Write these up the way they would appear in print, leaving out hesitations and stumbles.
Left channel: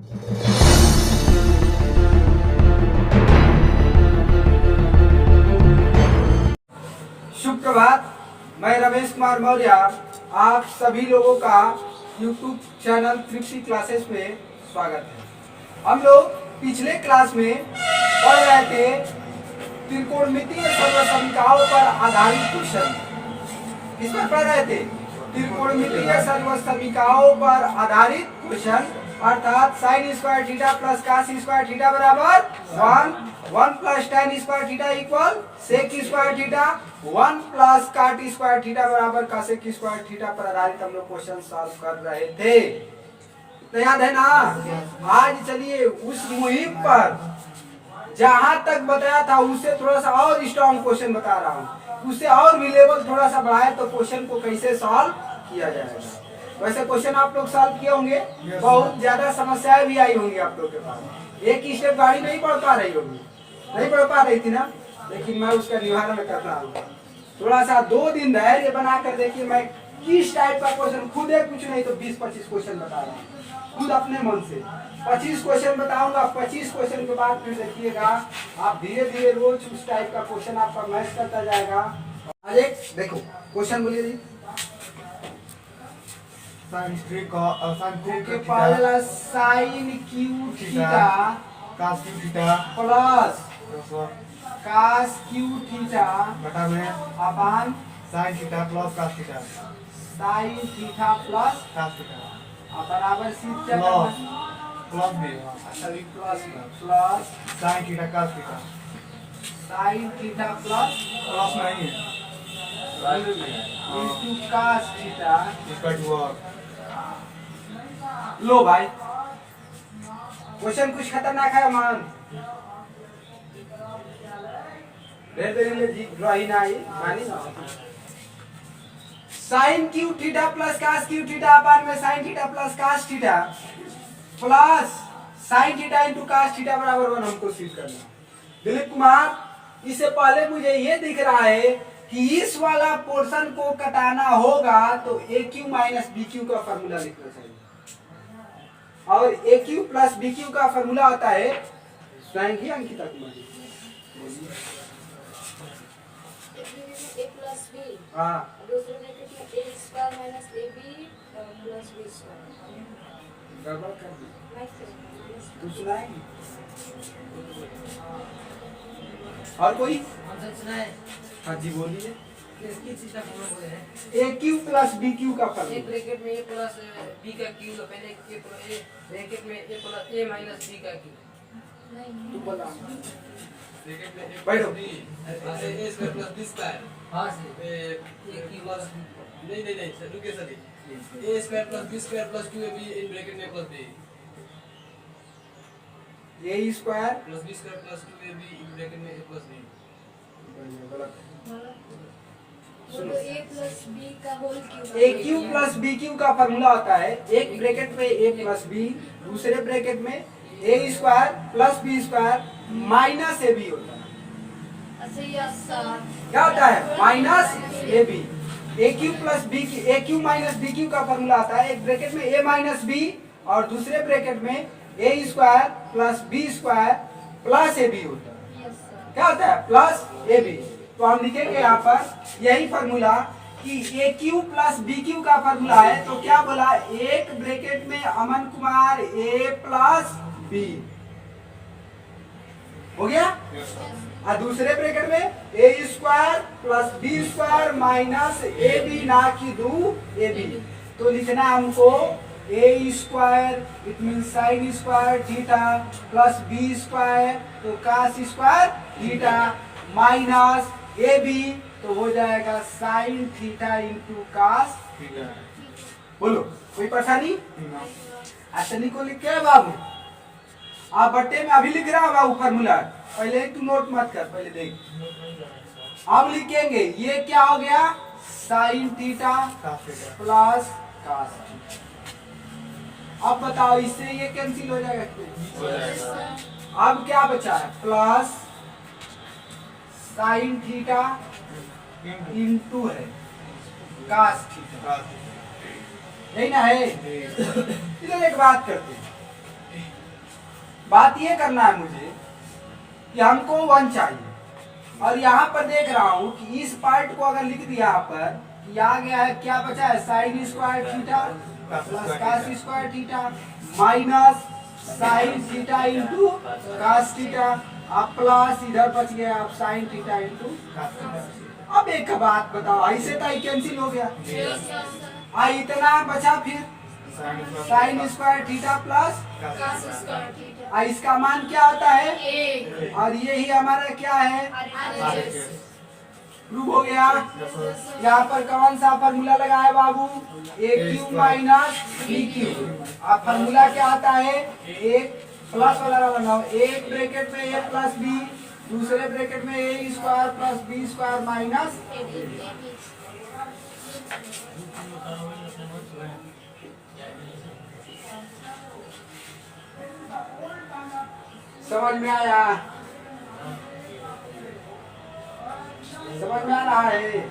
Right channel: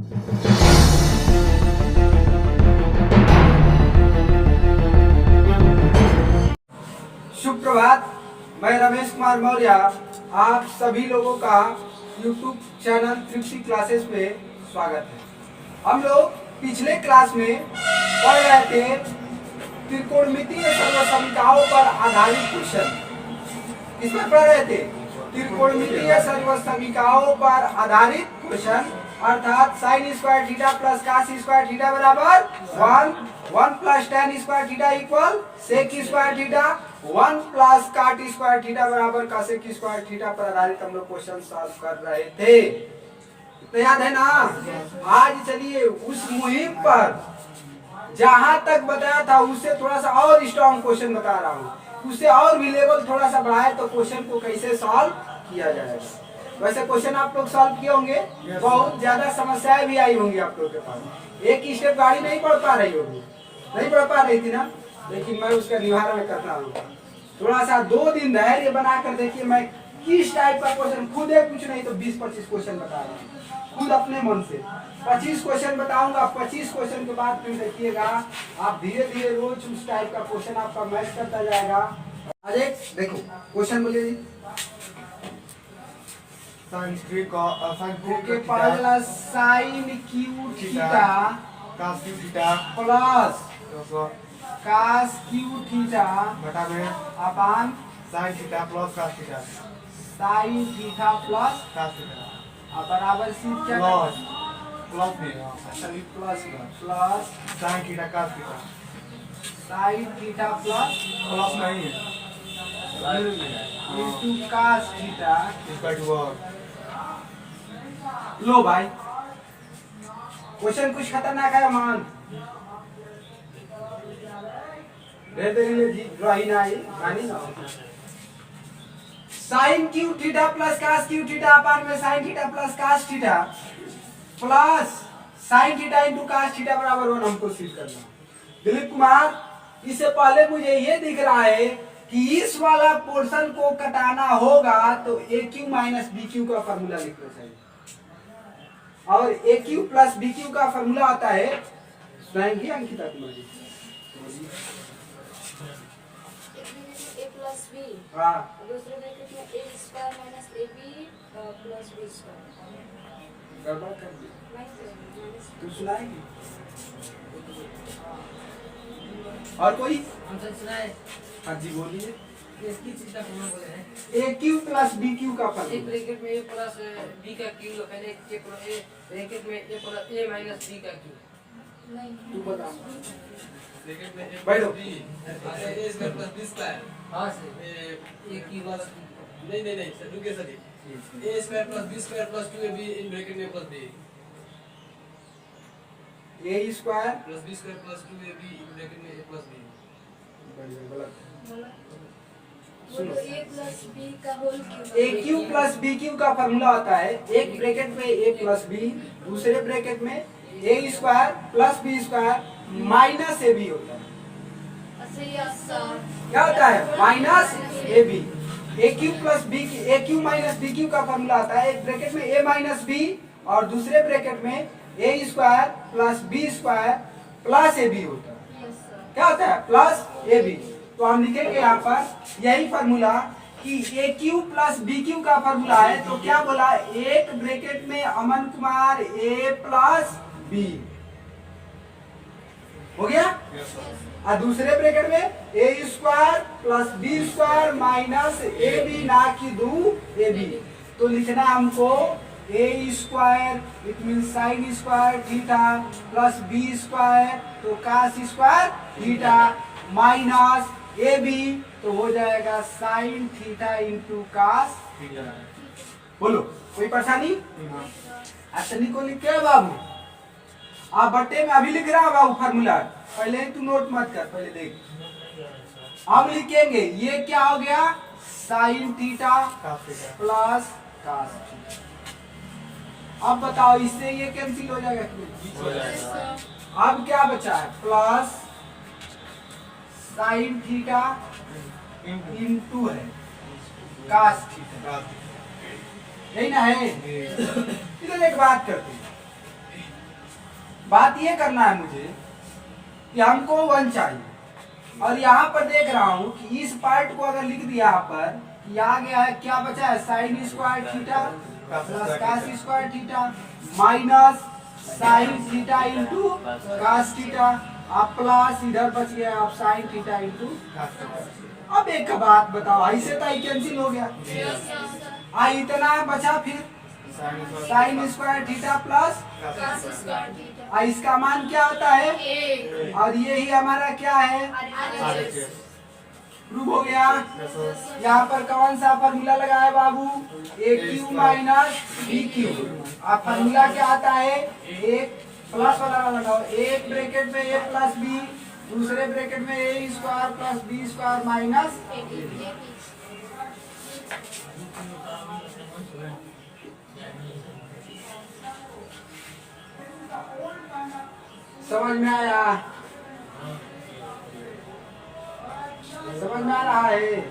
शुभ प्रभात। मैं रमेश कुमार मौर्य आप सभी लोगों का YouTube चैनल तृप्ति क्लासेस में स्वागत है। हम लोग पिछले क्लास में पढ़ रहे थे त्रिकोणमितीय सर्वसमीकरणों पर आधारित क्वेश्चन। किस पर पढ़ रहे थे? त्रिकोणमितीय सर्वसमीकरणों पर आधारित क्वेश्चन, अर्थात sine square theta plus cos square theta बराबर 1 plus tan square theta equal sec square theta, 1 plus cot square theta बराबर कासेक स्क्वायर थीटा पर आधारित हम लोग क्वेश्चन सॉल्व कर रहे थे। तो याद है ना? आज चलिए उस मुहिम पर जहां तक बताया था उससे थोड़ा सा और स्ट्रॉन्ग क्वेश्चन बता रहा हूँ, उससे और भी लेवल थोड़ा सा बढ़ाए तो क्वेश्चन को कैसे सॉल्व किया जाएगा। वैसे क्वेश्चन आप लोग सॉल्व किए होंगे, बहुत ज्यादा समस्याएं भी आई होंगी आप लोग के पास। एक ही स्टेप गाड़ी नहीं बढ़ पा रही होगी, नहीं बढ़ पा रही थी ना, लेकिन मैं उसका निवारण कर रहा हूँ। थोड़ा सा 2 दिन धैर्य बना कर देखिए, मैं किस टाइप का क्वेश्चन, खुद है कुछ नहीं तो 20-25 क्वेश्चन बता रहा हूँ, खुद अपने मन से 25 क्वेश्चन बताऊंगा। 25 क्वेश्चन के बाद फिर देखिएगा आप धीरे धीरे रोज उस टाइप का क्वेश्चन आपका मैच करता जाएगा। आज एक देखो क्वेश्चन बोलिए जी। साइन थ्री का पहला sine cube theta cos cube theta plus cos cube theta बटा में upon sine theta plus cos theta sine theta plus cos theta बराबर सी क्या प्लस प्लस भी अच्छा भी plus plus sine theta cos theta sine theta plus plus नहीं है into cos theta equal to work. लो भाई क्वेश्चन कुछ खतरनाक है मान रही ना ये मानी ना। Sine cube theta plus cos cube theta अपान में sine theta plus cos theta plus sine theta into cos theta बराबर 1 हमको सिद्ध करना। दिलीप कुमार, इससे पहले मुझे ये दिख रहा है कि इस वाला पोर्शन को कटाना होगा तो A cube minus B cube का फॉर्मूला लिखना चाहिए, और A cube plus B cube का फॉर्मूला होता है, सुनाएंगी Ankita Kumari? A plus B, हाँ दूसरे ब्रैकेट में ए स्क्वायर माइनस ए बी प्लस बी स्क्वायर। गड़बड़ कर दी तो सुनाएंगी। और कोई? हाँ जी बोलिए। A cube plus B cube का फॉर्मूला। एक ब्रैकेट में ए प्लस बी का क्यू, पहले ए प्लस ए ब्रैकेट में a plus a minus b का क्यू। तू बता। ब्रैकेट में ए बैठो। A square plus B square. हाँ सर, ए क्यू प्लस नहीं सर रुकिए sir, a square plus B square plus 2ab इन ब्रैकेट में प्लस बी, ए square plus B square plus 2ab इन ब्रैकेट में ए प्लस बी। गलत। वो तो ए प्लस बी का whole cube. A cube plus B cube का formula होता है, एक ब्रैकेट में ए प्लस बी, दूसरे ब्रैकेट में ए square plus B square minus ए बी होता है। अच्छा यस सर, क्या होता है? Minus A b. A cube plus B, a cube minus B cube का फॉर्मूला आता है, एक ब्रैकेट में ए माइनस बी और दूसरे ब्रैकेट में ए square plus B square plus a b होता है। Yes sir. क्या होता है? Plus a b. तो हम लिखेंगे यहाँ पर यही फॉर्मूला कि a cube plus B cube का फॉर्मूला है। तो क्या बोला? एक ब्रैकेट में Aman Kumar a plus b हो गया, और दूसरे ब्रैकेट में ए square plus B square minus ए बी, ना कि दो ए बी। तो लिखना है हमको a square it mean sine square theta plus B square तो कास स्क्वायर थीटा माइनस ए बी तो हो जाएगा sine theta into cos theta. बोलो कोई परेशानी? अश्विनी को लिख के बाबू आप बट्टे में अभी लिख रहा है बाबू फॉर्मूला, पहले ही तू नोट मत कर, पहले देख। अब लिखेंगे ये क्या हो गया? Sine theta cos theta plus cos theta. अब बताओ इससे ये कैंसिल हो जाएगा कि नहीं? हो जाएगा। अब क्या बचा है? प्लस साइन थीटा इंटू है कास थीटा, यही ना है? इधर एक बात करते हैं, बात ये करना है मुझे कि हमको 1 चाहिए और यहाँ पर देख रहा हूँ कि इस पार्ट को अगर लिख दिया यहाँ पर कि आ गया है, क्या बचा है, sine square theta plus cos square theta minus sine theta into cos theta, आप प्लस इधर बच गया आप साइन थीटा इंटू। अब एक बात बताओ, ऐसे तो कैंसिल हो गया, इतना बचा फिर साइन स्क्वायर थीटा प्लस, इसका मान क्या आता है, और यही हमारा क्या है, प्रूव हो गया। यहाँ पर कौन सा फॉर्मूला लगाया बाबू, ए क्यू माइनस बी क्यू। अब फॉर्मूला क्या आता है, एक प्लस वाला लगाओ, एक ब्रैकेट में ए प्लस बी, दूसरे ब्रैकेट में ए square plus B square minus. समझ में आया, समझ में आ रहा है।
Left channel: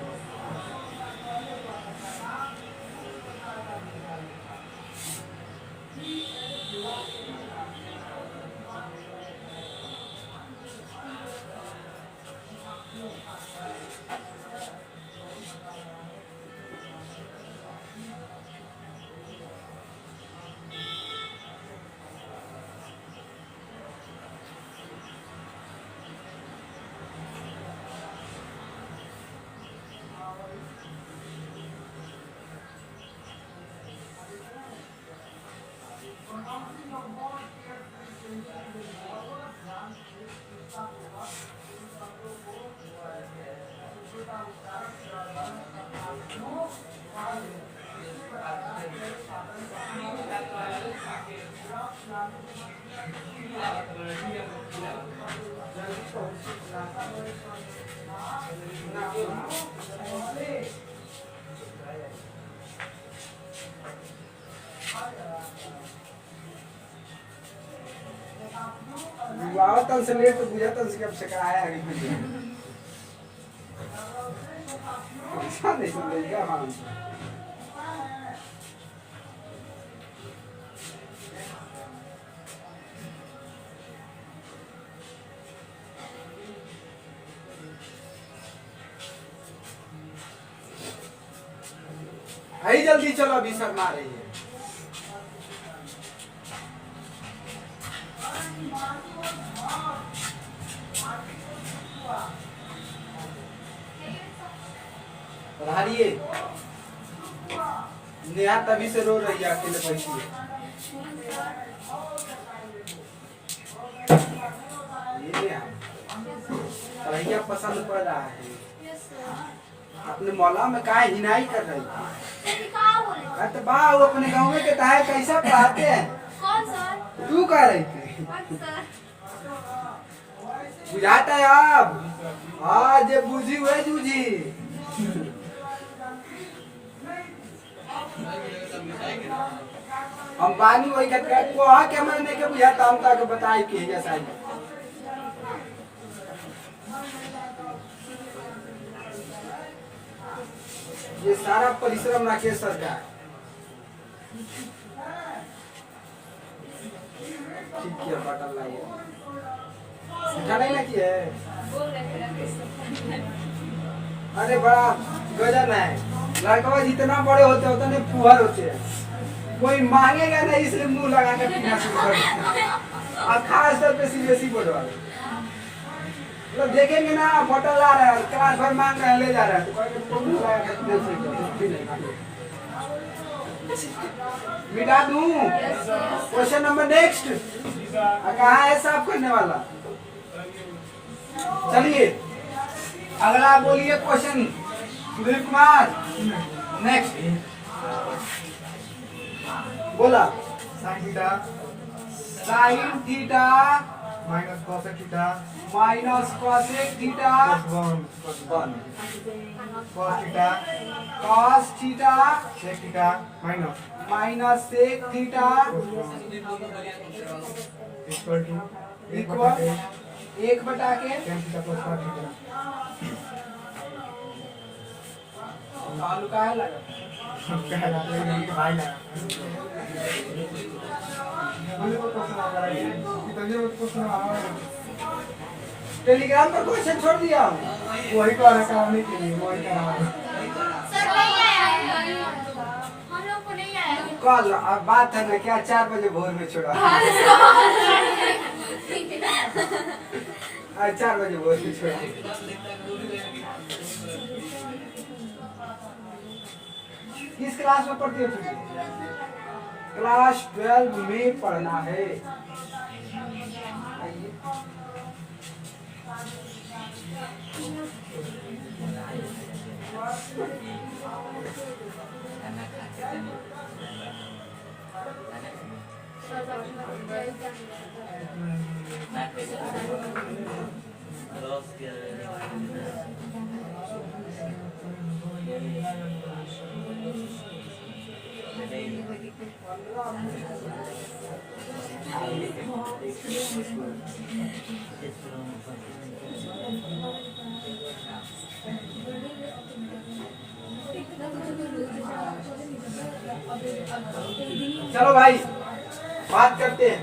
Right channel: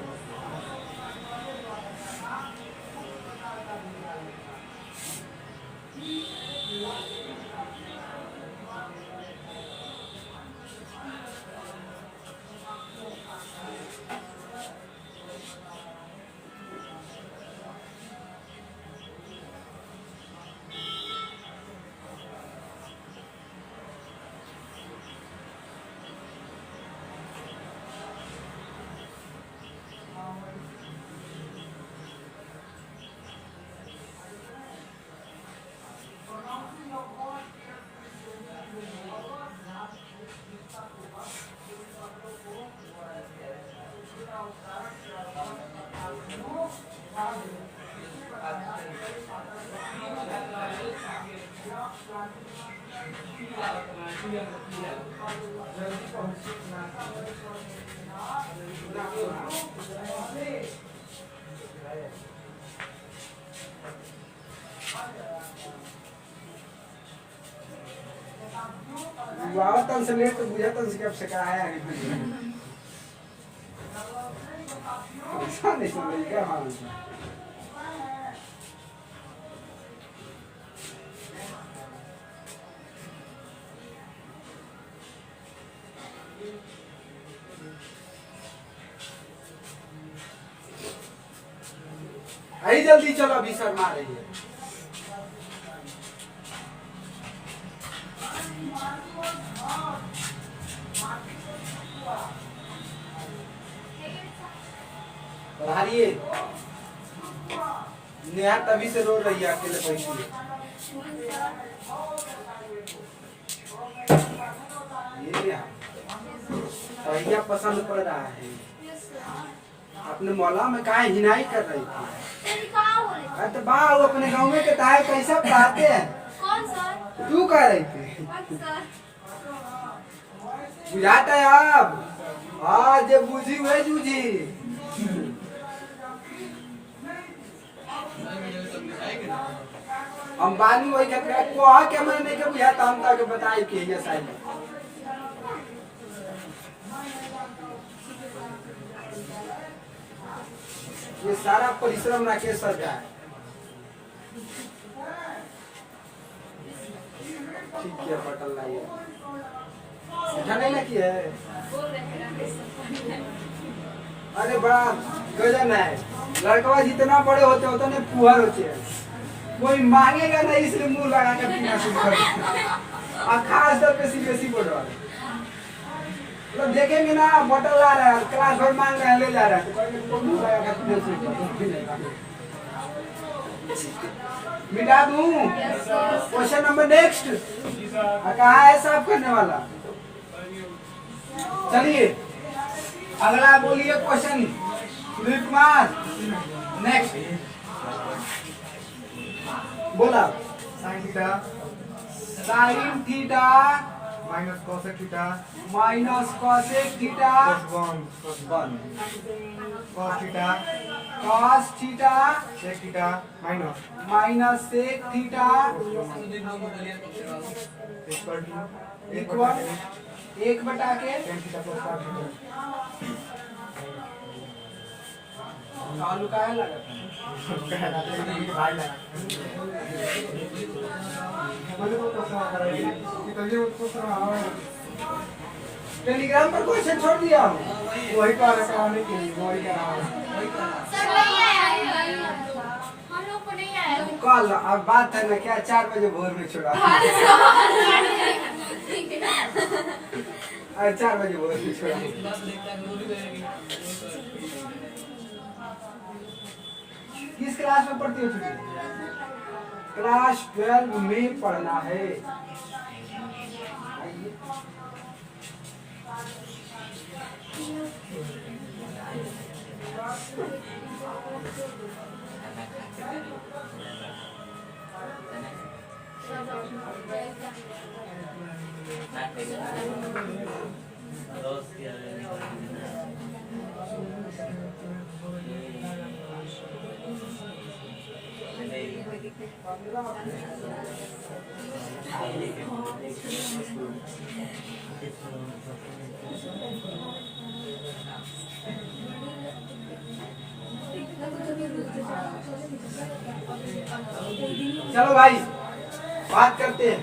तन से लेट बुझा तन से अब शिकाया है ऐसा नहीं समझेगा। हाँ आई जल्दी चलो, अभी शर्मा रही है। पधारिए, नेहा तभी से रो रही है अकेले पैसे। ये नेहा भैया पसंद पड़ रहा है, अपने मौला में काहे हिनाई कर रही थी। तो बा वो अपने गाँव में के ताहे कैसा पढ़ाते हैं, कौन सर? तू कह रही थी सर बुझाता है अब, आज बुझी हुए जूझी। हम बानी वही कहते को क्या मैंने के बुझाता, हम तक बताई के जैसा ही। ये सारा परिश्रम राकेश सर का है। ठीक है, बटन लाइए, मीठा नहीं ना किया है। अरे बड़ा गजन है, लड़का जितना बड़े होते उतने फुहर होते हैं। कोई मांगेगा नहीं इसलिए मुंह लगा कर पीना शुरू कर देते, और खास तौर पे सीबीएसई बोर्ड वाले मतलब देखेंगे ना, बोतल ला रहे हैं, क्लास भर मांग रहे हैं, ले जा रहे हैं, तो कहेंगे तो मुंह लगा कर पीना शुरू कर दो। मिटा दूं क्वेश्चन नंबर नेक्स्ट, कहाँ है साफ करने वाला। चलिए अगला बोलिए क्वेश्चन, सुधीर कुमार नेक्स्ट बोला। Sine theta sine theta minus cosec theta minus cosec theta cos 1 cos theta cos theta sec theta minus minus sec theta equal to equal 1/के tan theta plus cos theta. आलू का है लगा कह रहा था लेकिन उनके भाई लगा मैंने वो क्वेश्चन आता है कि तुझे वो क्वेश्चन आया है टेलीग्राम पर क्वेश्चन छोड़ दिया हूँ वही को आना कराने के लिए वही करा सर नहीं आया हम लोग को नहीं आया कल अब बात है ना क्या 4 बजे भोर में छोड़ा आज 4 बजे भोर में छोड़ा किस क्लास में पढ़ती हो छुट्टी क्लास 12 में पढ़ना है आइए। चलो भाई बात करते हैं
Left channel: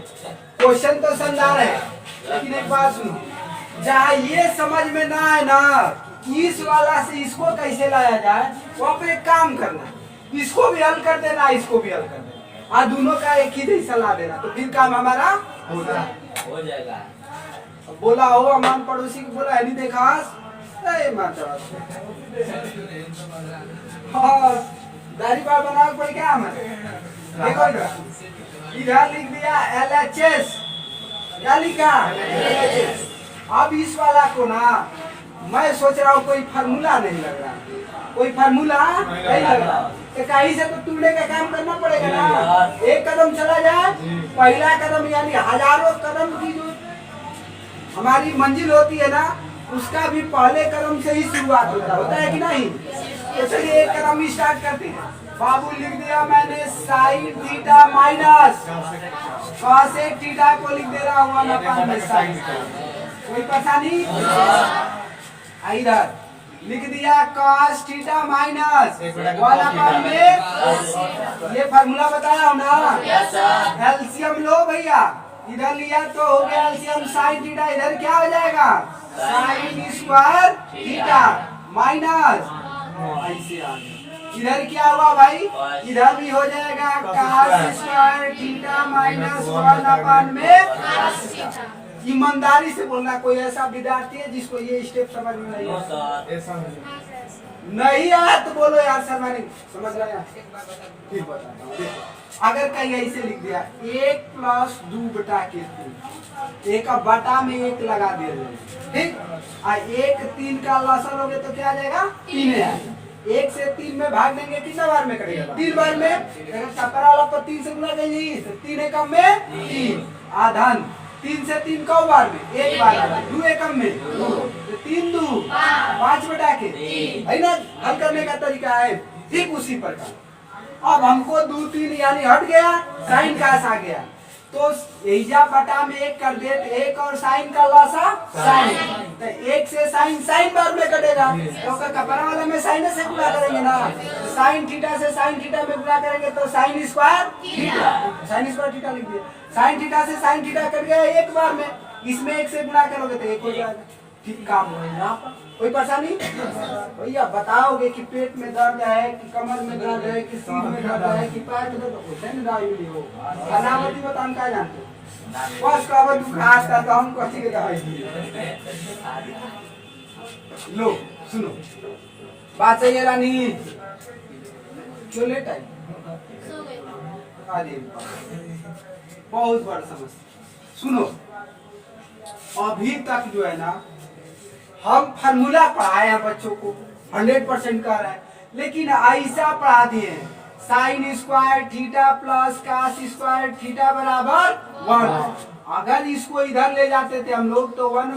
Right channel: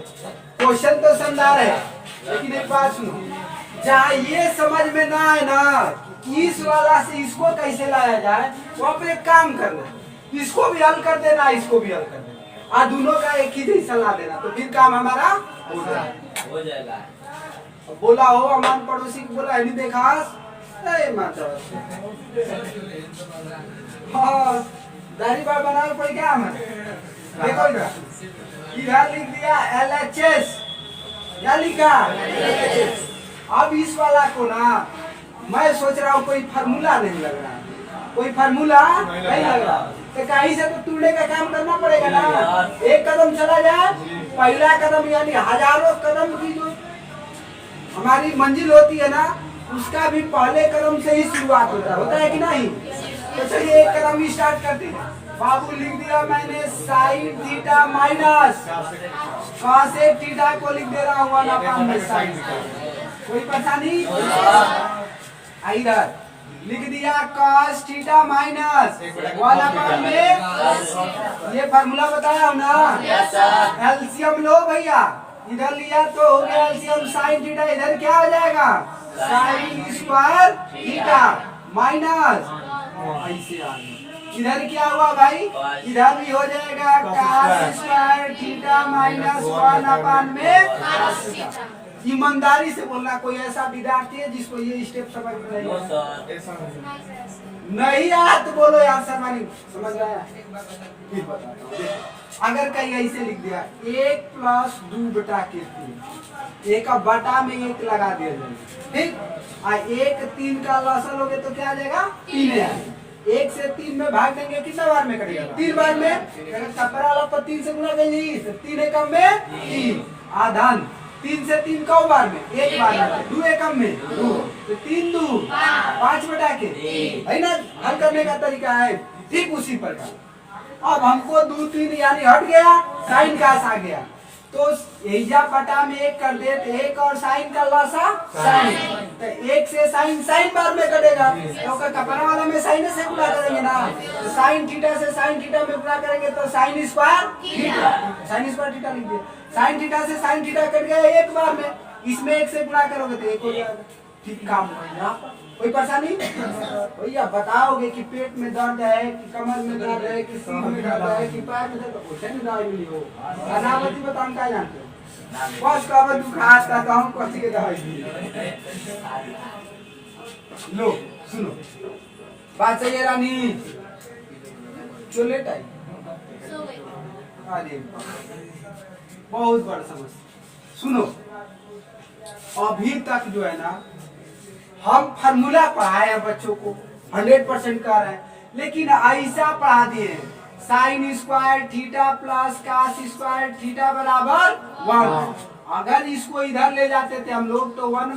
क्वेश्चन तो शानदार है लेकिन एक बात सुनो जहाँ ये समझ में ना आए ना कि इस वाला से इसको कैसे लाया जाए वो पे एक काम करना इसको भी हल कर देना इसको भी हल कर देना और दोनों का एक ही जैसा ला देना तो फिर काम हमारा हो जाएगा अब बोला हो अमान पड़ोसी को बोला है नहीं देखा हाँ दाढ़ी बाल बना के पड़ी क्या हमें देखो इधर लिख दिया LHS क्या लिखा अब इस वाला को ना मैं सोच रहा हूँ कोई फार्मूला नहीं लग रहा कोई फार्मूला नहीं लग रहा तो कहीं से तो टूटने का काम करना पड़ेगा ना एक कदम चला जाए पहला कदम यानी हजारों कदम की जो हमारी मंजिल होती है ना उसका भी पहले कदम से ही शुरुआत होता है कि नहीं तो चलिए एक कदम स्टार्ट करते हैं बाबू लिख दिया मैंने sign theta minus cosec theta को लिख दे रहा हूँ 1/में साइन कोई परेशानी इधर लिख दिया cos थीटा माइनस 1/में ये फार्मूला बताया हूँ ना एलसीएम लो भैया इधर लिया तो हो गया एलसीएम साइन थीटा इधर क्या हो जाएगा साइन स्क्वायर थीटा माइनस ऐसे आ गया इधर क्या हुआ भाई इधर भी हो जाएगा cos स्क्वायर थीटा माइनस 1/में ईमानदारी से बोलना कोई ऐसा विद्यार्थी है जिसको ये स्टेप समझ में नहीं आया नहीं आया तो बोलो यार शर्मा नहीं समझ में आया फिर बताता हूँ देखो अगर कहीं ऐसे लिख दिया 1 + 2/3 एक बटा में 1 लगा दिया जाएगा ठीक 1 3 का लसन लोगे तो क्या आ जाएगा 3 आएगा 1 से 3 में भाग देंगे कितना बार में करेगा 3 बार में अगर कपड़ा वाला पर 3 से गुणा करेंगे तो 3 एकम में 3 आधन 3 से 3 कौ बार में 1 बार में 2 एकम में 2 तो 3 2 5/के है ना हल करने का तरीका है ठीक उसी प्रकार अब हमको 2 3 यानी हट गया साइन का आ गया तो एजा बटा में 1 कर दे तो 1 और साइन का लसा साइन तो 1 से साइन बार में कटेगा तो कपड़ा वाला में साइन से गुणा करेंगे ना तो साइन थीटा से साइन थीटा में गुणा करेंगे तो sine square theta sine square theta लिख दिया साइन थीटा से साइन थीटा कट गया 1 बार में इसमें 1 से गुणा करोगे तो 1 हो जाएगा ठीक काम हुआ यहाँ पर कोई परेशानी भैया बताओगे कि पेट में दर्द है कि कमर में दर्द है कि सीट में दर्द है कि पैर में दर्द उसे में दवाई मिली हो अनावती बताओ क्या जानते हो बस कब दुखाता तो हम कथी के दवाई दिए लो सुनो बात सही है रानी क्यों लेट आई अरे बहुत बड़ा समस्या सुनो अभी तक जो है ना हम फार्मूला पढ़ाए हैं बच्चों को 100% कर रहे हैं लेकिन ऐसा पढ़ा दिए sign square theta plus cos square theta बराबर 1 अगर इसको इधर ले जाते थे हम लोग तो 1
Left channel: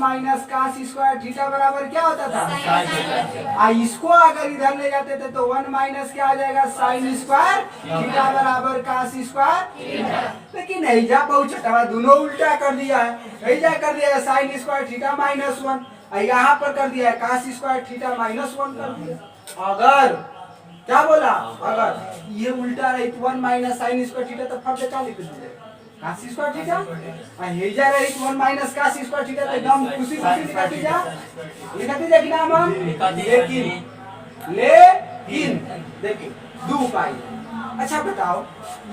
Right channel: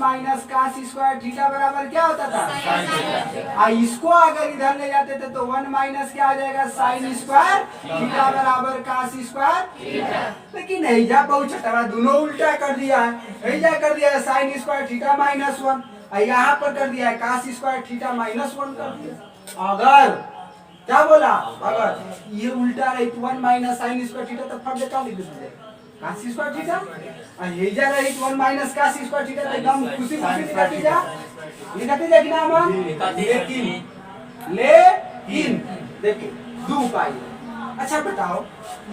- cos स्क्वायर थीटा बराबर क्या होता था इसको अगर इधर ले जाते थे तो 1 - क्या आ जाएगा साइन स्क्वायर थीटा बराबर cos स्क्वायर लेकिन ऐजा बहुत छठा दोनों उल्टा कर दिया है ऐजा कर दिया है साइन स्क्वायर थीटा -1 यहाँ पर कर दिया है cos स्क्वायर थीटा -1 कर दिया अगर क्या बोला? अगर ये उल्टा रही तो 1 माइनस साइन स्क्वायर थीटा तो फट का लिख दीजिए cos स्क्वायर थीटा। आ हे जा रही तो 1 माइनस cos स्क्वायर थीटा तो एकदम खुशी खुशी लिखती जा कि ना मन। लेकिन देखो दो उपाय। अच्छा बताओ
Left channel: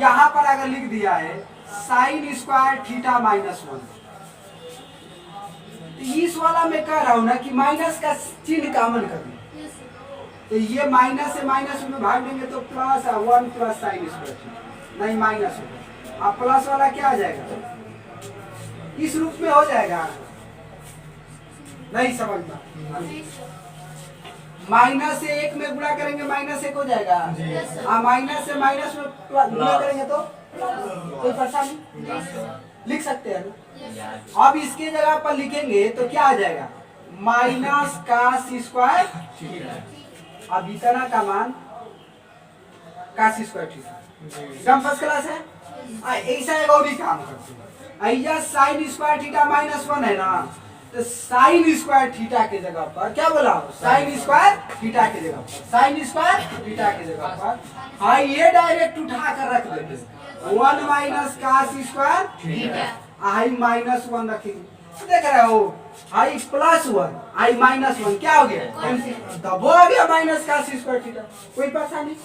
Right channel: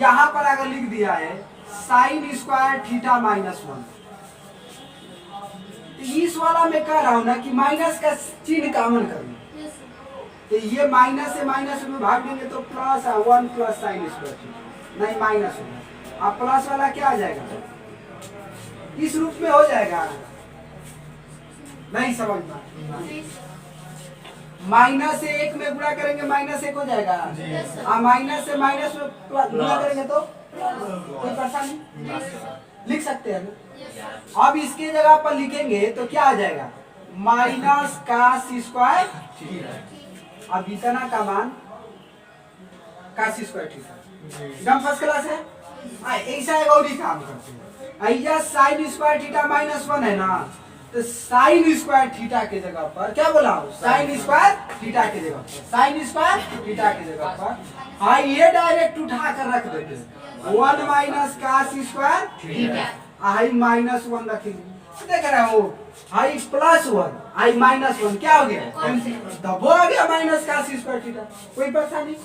यहाँ पर अगर लिख दिया है साइन स्क्वायर थीटा माइनस 1, तो इस वाला में कह रहा हूं ना कि माइनस का चिन्ह कॉमन करना, तो ये माइनस से माइनस में भाग देंगे तो plus 1 plus sign square theta, नहीं माइनस होगा। अब प्लस वाला क्या आ जाएगा? इस रूप में हो जाएगा। नहीं समझ में? माइनस से 1 में गुणा करेंगे माइनस 1 हो जाएगा। माइनस से माइनस में गुणा करेंगे तो कोई परेशानी? लिख सकते हैं ना। अब इसके जगह पर लिखेंगे तो क्या आ जाएगा? Minus cos square theta. अब इतना का मान cos स्क्वायर थीटा एकदम फर्स्ट क्लास है। ऐसा एक और ही काम करते हैं। ऐसा साइन स्क्वायर थीटा माइनस 1 है ना, तो साइन स्क्वायर थीटा के जगह पर क्या बोला? साइन स्क्वायर थीटा के जगह पर, साइन स्क्वायर थीटा के जगह पर हाँ ये डायरेक्ट उठा कर रख देते हैं 1 माइनस cos स्क्वायर थीटा। आई माइनस 1 रखेंगे, देख रहे हो? आई प्लस 1 आई माइनस 1 क्या हो गया? दबो आ गया माइनस cos स्क्वायर थीटा। कोई परेशानी?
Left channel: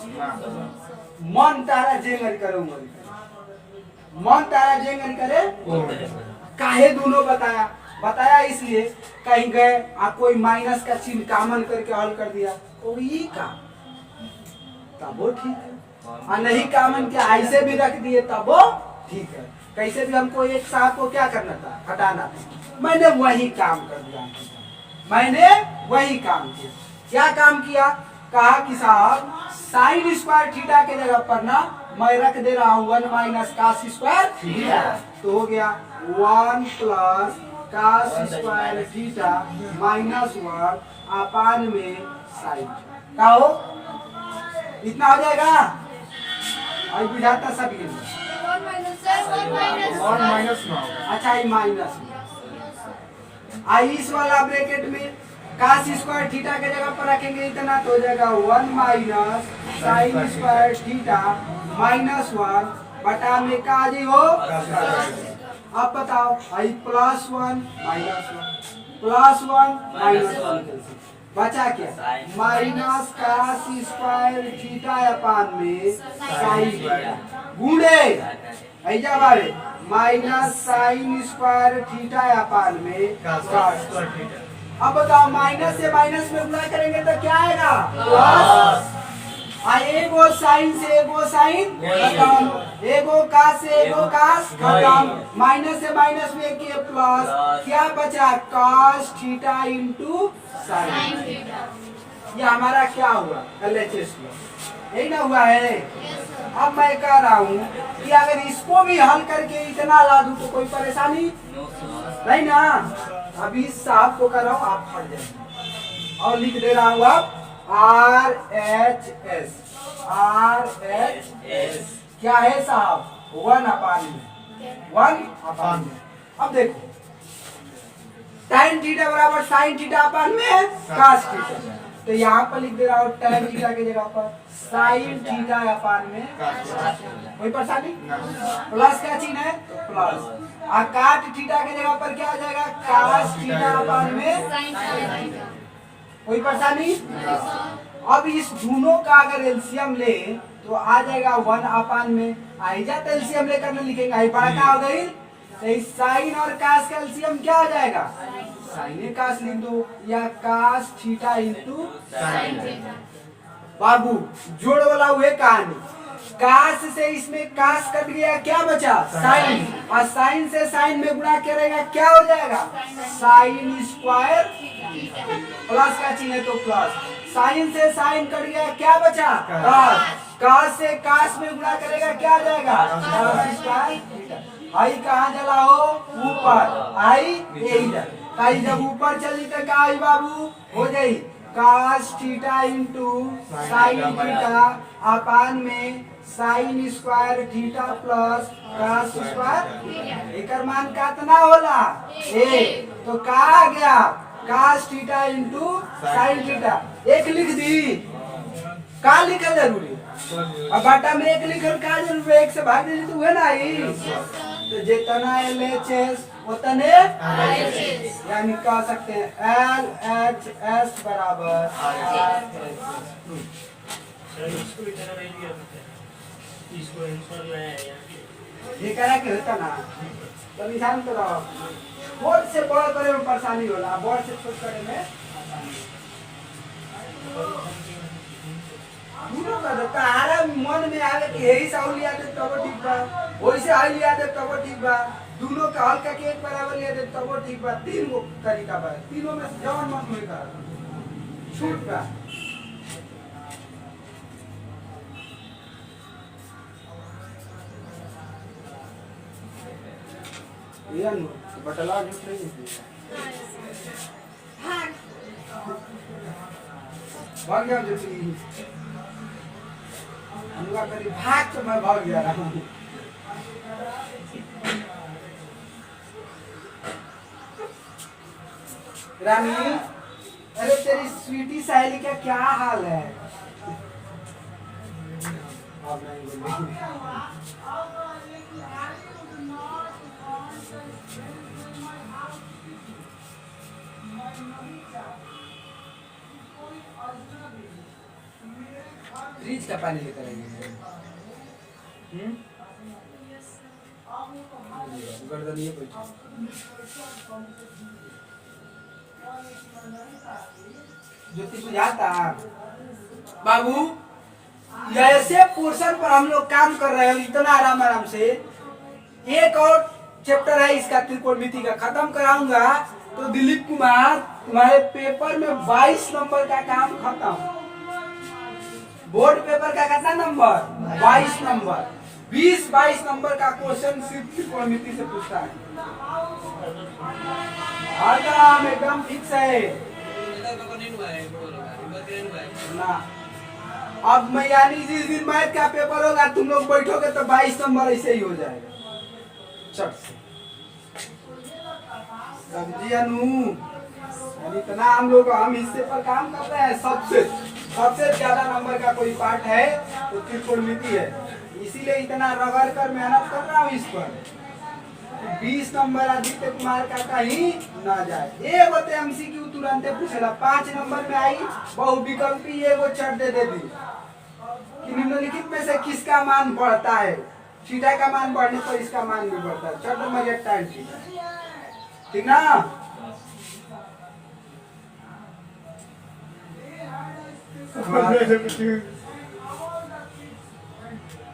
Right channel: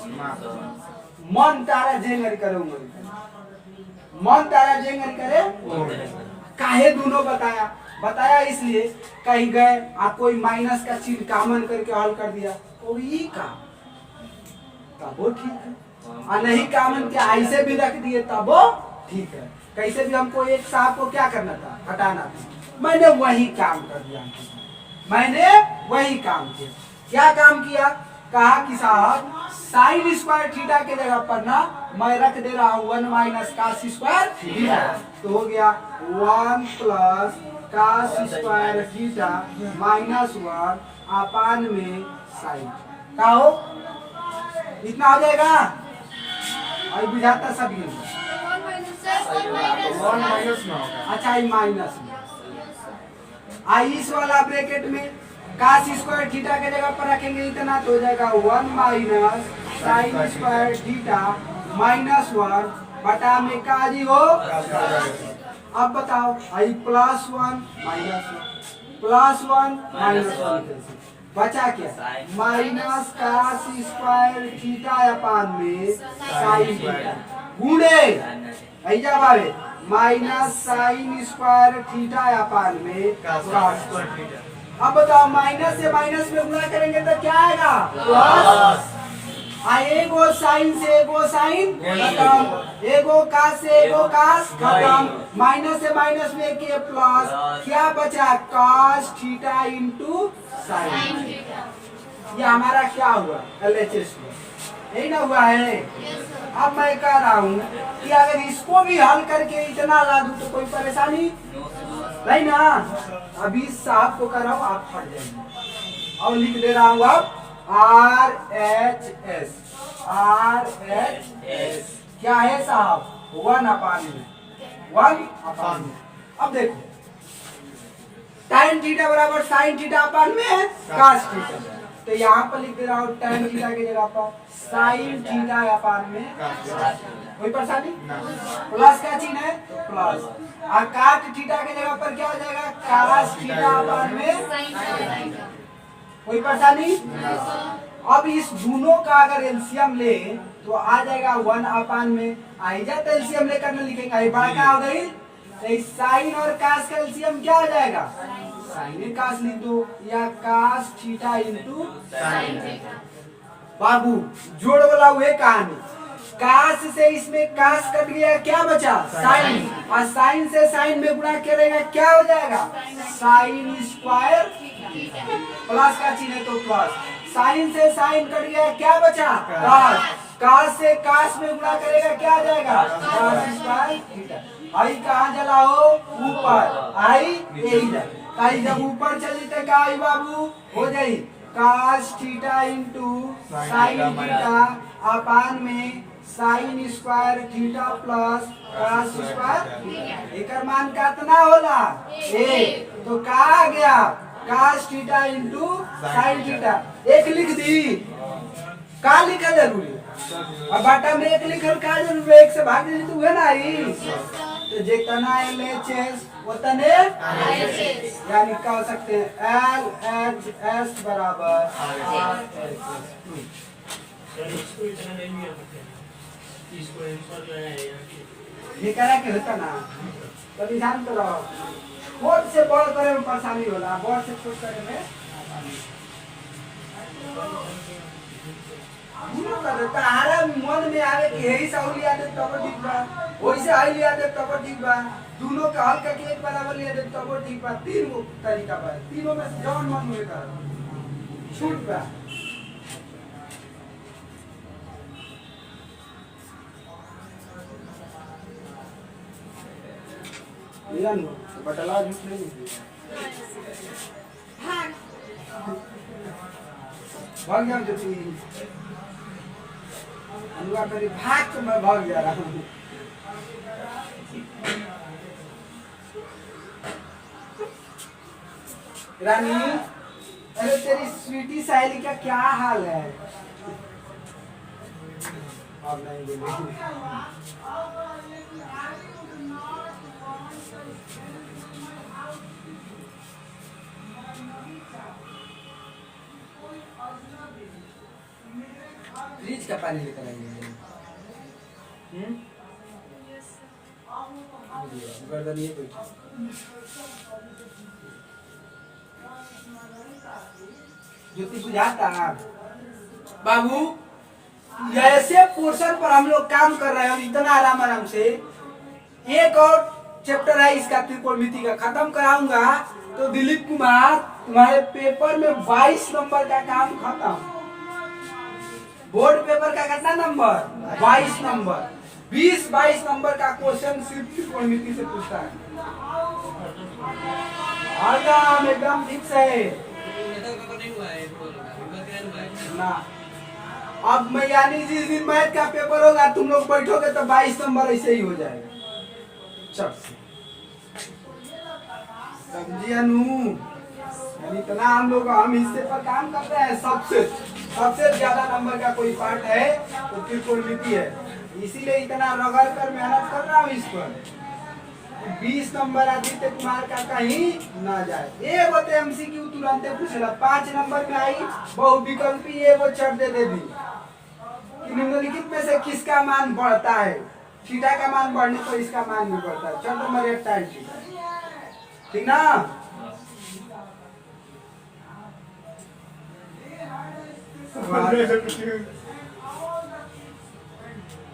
मन तारा जेंगर करे उमर, मन तारा जेंगर करे। काहे दोनों बताया इसलिए कहीं गए आप कोई माइनस का चिन्ह कॉमन करके हल कर दिया और ये काम तब वो ठीक है, और नहीं कॉमन के ऐसे भी रख दिए तब वो ठीक है। कैसे भी हमको एक साहब को क्या करना था? हटाना था। मैंने वही काम कर दिया, मैंने वही काम किया। क्या काम किया? कहा कि साहब साइन स्क्वायर थीटा के जगह पर ना मैं रख दे रहा हूँ 1 माइनस cos स्क्वायर थीटा, तो हो गया 1 plus cos square theta minus 1 अपान में साइन। क्या हो? इतना हो जाएगा? आई बुझाता सब गिन 1 माइनस में होगा। अच्छा ये माइनस में आई इस वाला ब्रैकेट में cos स्क्वायर थीटा के जगह पर रखेंगे इतना तो हो जाएगा 1 minus sign square theta minus 1 बटा में का जी हो। अब बताओ आई प्लस 1 माइनस 1 प्लस 1 माइनस 1 बचा क्या? Minus cos square theta upon में साइन थीटा गुणे ऐजा बारे minus sign square theta upon में cos स्क्वायर थीटा। अब बताओ माइनस से माइनस में गुणा करेंगे तो क्या आएगा? प्लस। एगो साइन से एगो साइन खत्म, एगो कास से एगो कास खत्म, माइनस से माइनस में के प्लस, क्या बचा? cos theta into sign. ये हमारा क्या हुआ? LHS हुआ। यही ना हुआ है? अब मैं कह रहा हूँ कि अगर इसको भी हल करके इतना ला दूं तो कोई परेशानी नहीं ना। अभी साहब को कर रहा हूँ, आप फट जाएंगे और लिख दे रहा हूँ अब RHS। क्या है साहब? 1 अपान में 1 अपान में। अब देखो tan थीटा बराबर साइन थीटा अपान में cos थीटा, तो यहाँ पर लिख दे रहा हूँ tan थीटा की जगह पर साइन थीटा अपान में। कोई परेशानी? प्लस का चिन्ह है तो प्लस, और काट थीटा की जगह पर क्या आ जाएगा? cos थीटा अपान में। कोई परेशानी? अब इस दोनों का अगर एलसीएम ले तो आ जाएगा 1 अपान में। आइजा तो एलसीएम लेकर ना लिखेंगे, आई बड़ा क्या हो गई? तो इस साइन और कास का एलसीएम क्या हो जाएगा? साइन कास लिख दो या cos theta into sine theta. बाबू जोड़ वाला हुए कहानी, कास से इसमें कास कट गया, क्या बचा? साइन, और साइन से साइन में गुणा करेगा क्या हो जाएगा? साइन स्क्वायर प्लस का चिन्ह है तो प्लस, साइन से साइन कट गया क्या बचा? कास, कास से कास में गुणा करेगा क्या आ जाएगा? कास स्क्वायर थीटा। आई कहाँ चला हो? ऊपर। आई यही जब आई जब ऊपर चली तो क्या आई बाबू? हो जाई cos theta into sine theta अपान में sine square theta plus cos square. एकर मान कितना होला? 1। तो का आ गया? Cos theta into sine theta. एक लिख दी का लिखल जरूरी अब बाटा में एक लिखल का जरूरी है, एक से भाग दे तो हुए ना ही। तो जितना LHS उतने यानी कह सकते हैं LHS बराबर सर इसको इतना नहीं लिया सकते, इसको आंसर जो है यहाँ के ये करा के होता ना तो निशान तो रहो। बोर्ड से बड़ करे में परेशानी होला, बोर्ड से छोट करे में आसानी। दोनों का तो तारा मन में आवे कि यही साउ लिया दे तब ठीक बा, वैसे आई लिया दे तब ठीक बा, दोनों का हल का एक बराबर लिया दे तब ठीक बा। तीन गो तरीका बा, तीनों में से जौन मन में करा छूट बा। ये अनु तो बटला झूठ नहीं है। भाग गया जो तू अनुआ करी भाग तो मैं भाग जा रहा हूँ। रानी अरे तेरी स्वीटी सहेली का क्या हाल है? अब नहीं बोलेगी। फ्रिज का पानी लेकर आइए। गर्दन ये बैठो। ज्योति बुझाता बाबू, ऐसे पोर्शन पर हम लोग काम कर रहे हैं इतना आराम आराम से। एक और चैप्टर है इसका त्रिकोणमिति का, खत्म कराऊंगा तो दिलीप कुमार तुम्हारे पेपर में 22 नंबर का काम खत्म। बोर्ड पेपर का कितना नंबर? 22 नंबर। 20-22 नंबर का क्वेश्चन सिर्फ त्रिकोणमिति से पूछता है। एकदम एकदम फिक्स है पेपर नहीं हुआ है, ना। अब मैं यानी जिस दिन मैथ का पेपर होगा तुम लोग बैठोगे तो 22 नंबर ऐसे ही हो जाएगा चट से। समझी अनु? यानी इतना हम हिस्से पर काम कर रहे हैं। सबसे ज्यादा नंबर का कोई पार्ट है तो त्रिकोणमिति है, इसीलिए इतना रगड़ कर मेहनत कर रहा हूँ इस पर। 20 नंबर आदित्य कुमार का कहीं ना जाए। एगो तो MCQ तुरंत पूछेला, 5 नंबर में आई बहुविकल्पी एगो चट दे दी कि निम्नलिखित में से किसका मान बढ़ता है। थीटा का मान बढ़ने पर इसका मान भी बढ़ता है। चट नंबर 1 टाइम ठीक ना?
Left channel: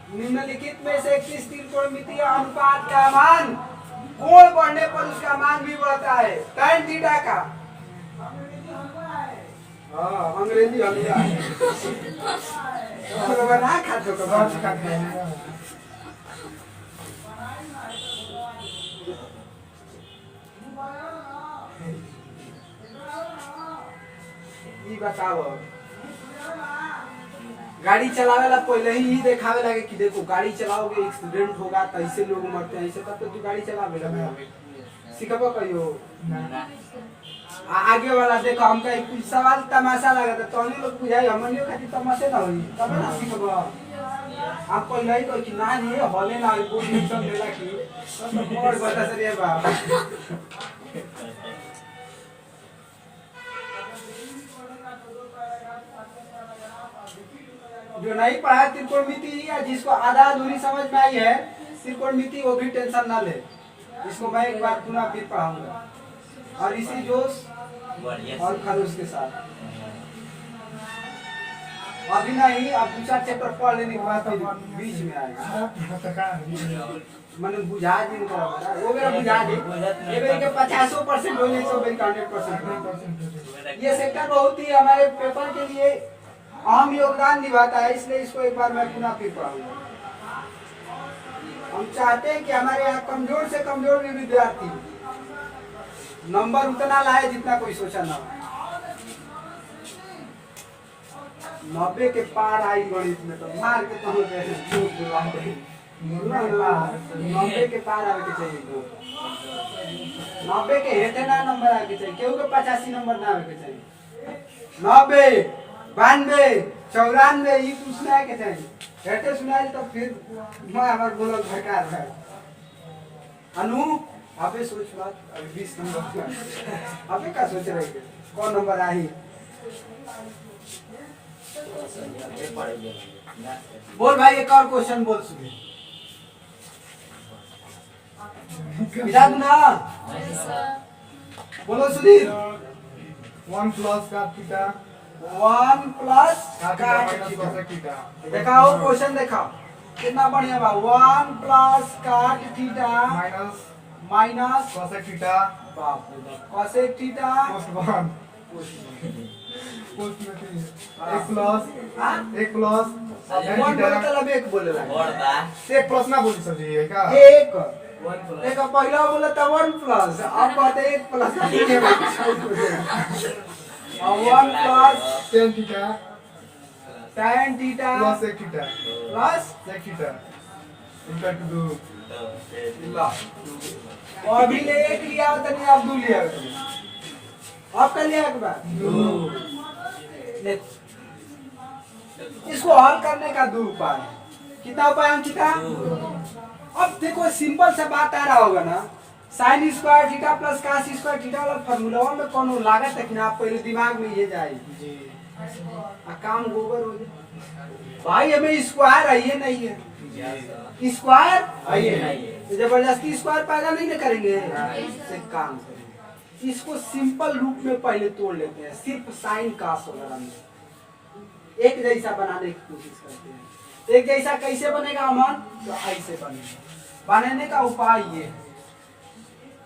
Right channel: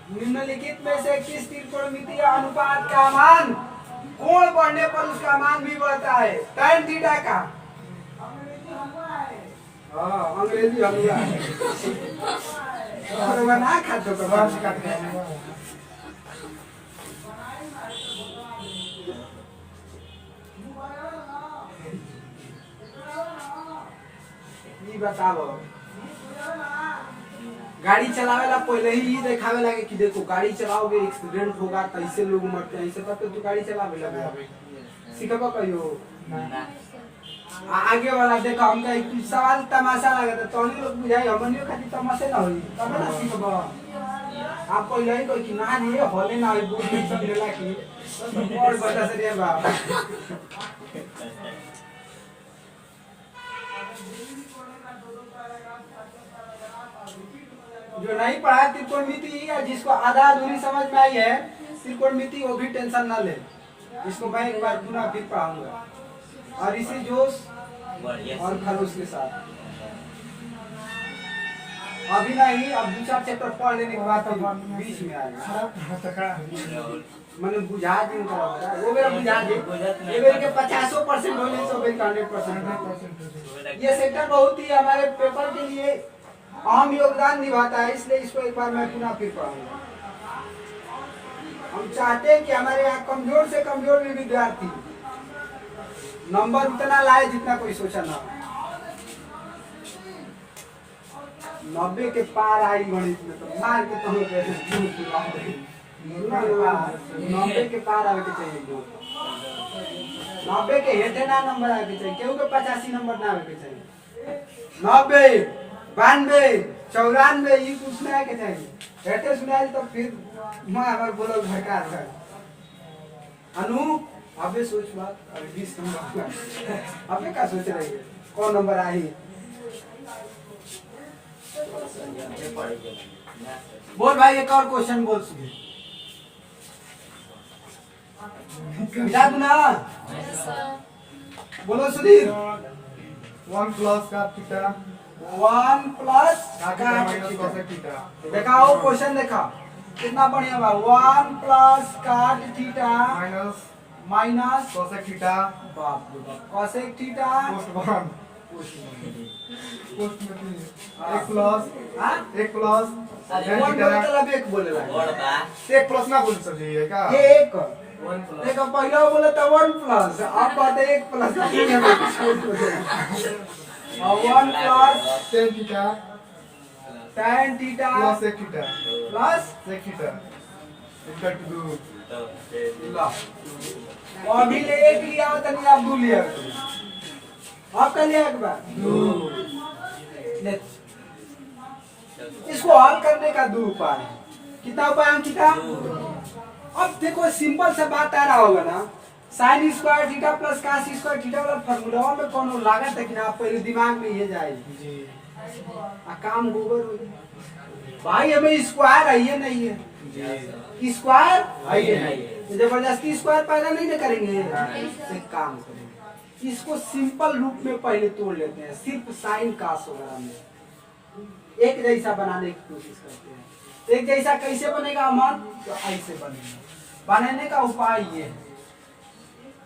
निम्नलिखित में से किस त्रिकोणमितीय अनुपात का मान कोण बढ़ने पर उसका मान भी बढ़ता है? tan थीटा का। हाँ अंग्रेजी हलवा तो ना खाते तो ये बताओ, गाड़ी चलावे ला पहले ही देखावे लगे कि देखो गाड़ी चलाओगे एक्सीडेंट होगा तो ऐसे लोग मरते हैं, ऐसे तब तो तू गाड़ी चलावे लगा सिखबो कहियो आगे वाला देखो। हमका एक सवाल तमाशा लगा था तो हम लोग बुझाई हमनियो खातिर तमाशे ना होई तब ना सिखबो। आप पहले ही कह कि ना ये हॉले ना बुक मिशन लेला की तो और बता से रे बा। जो नहीं पढ़ा त्रिकोणमिति या जिसको आधा अधूरी समझ में आई है त्रिकोणमिति वो भी टेंशन ना ले, इसको मैं एक बार पुनः फिर पढ़ाऊंगा और इसी जोश और खरोश के साथ। अभी नहीं, अब 2-4 चैप्टर पढ़ लेने के बाद बीच में आएगा। मैंने बुझा दी वो मेरा बुझा दी ये मेरे के 50% होने से मेरे 100%। ये सेक्टर बहुत ही हमारे पेपर के लिए अहम योगदान निभाता है, इसलिए इसको एक बार मैं पुनः फिर पढ़ाऊंगा। हम चाहते हैं कि हमारे यहाँ कमजोर से कमजोर भी विद्यार्थी नंबर उतना लाए जितना कोई सोचा ना। 90 के पार आई गणित में तो मार के तो 90 के पार आवे के चाहिए। 90 के हेठे ना नंबर आवे के चाहिए, केहू के 85 नंबर ना आवे के चाहिए। 90 92 94 ही तू सुनाए के चाहिए हेटे सुनाए तो फिर मैं हमार बोलल भड़का है अनु अबे सोच बात अभी 20 नंबर अबे का सोच रही है कौन नंबर आई बोल भाई एक और क्वेश्चन बोल सुधीर बिठा दू ना बोलो सुधीर 1 प्लस का थीटा 1 प्लस का थीटा माइनस कोसेक थीटा दिखाओ क्वेश्चन देखा कितना बढ़िया बा 1 प्लस काट theta minus minus cosec theta बाप रे बाप कोसेक थीटा पोस्ट 1 पोस्ट में 3 1 प्लस हां 1 प्लस वन बोले तब एक बोले ला एक प्लस ना बोली सर जी है क्या एक देखो पहला बोले तो 1 प्लस अब कहते 1 प्लस और 1 plus tan theta tan theta plus sec theta plus sec theta equal to 2 ला और भी ले एक लिया तनी आप 2 लिया आप का लिया एक बार 2 इसको हल करने का 2 उपाय है कितना उपाय अंकिता अब देखो सिंपल सा बात आ रहा होगा ना sin square theta plus cos square theta वाला फार्मूला में कोनो लागत है कि ना आप पहले दिमाग में ये जाए जी आ काम गोबर हो जाए भाई हमें स्क्वायर आइए नहीं है स्क्वायर आइए नहीं है तो जबरदस्ती स्क्वायर पैदा नहीं ना करेंगे एक काम करेंगे इसको सिंपल रूप में पहले तोड़ लेते हैं सिर्फ sin cos वगैरह में एक जैसा बनाने की कोशिश करते हैं एक जैसा कैसे बनेगा अमन तो ऐसे बनेगा बनाने का उपाय ये है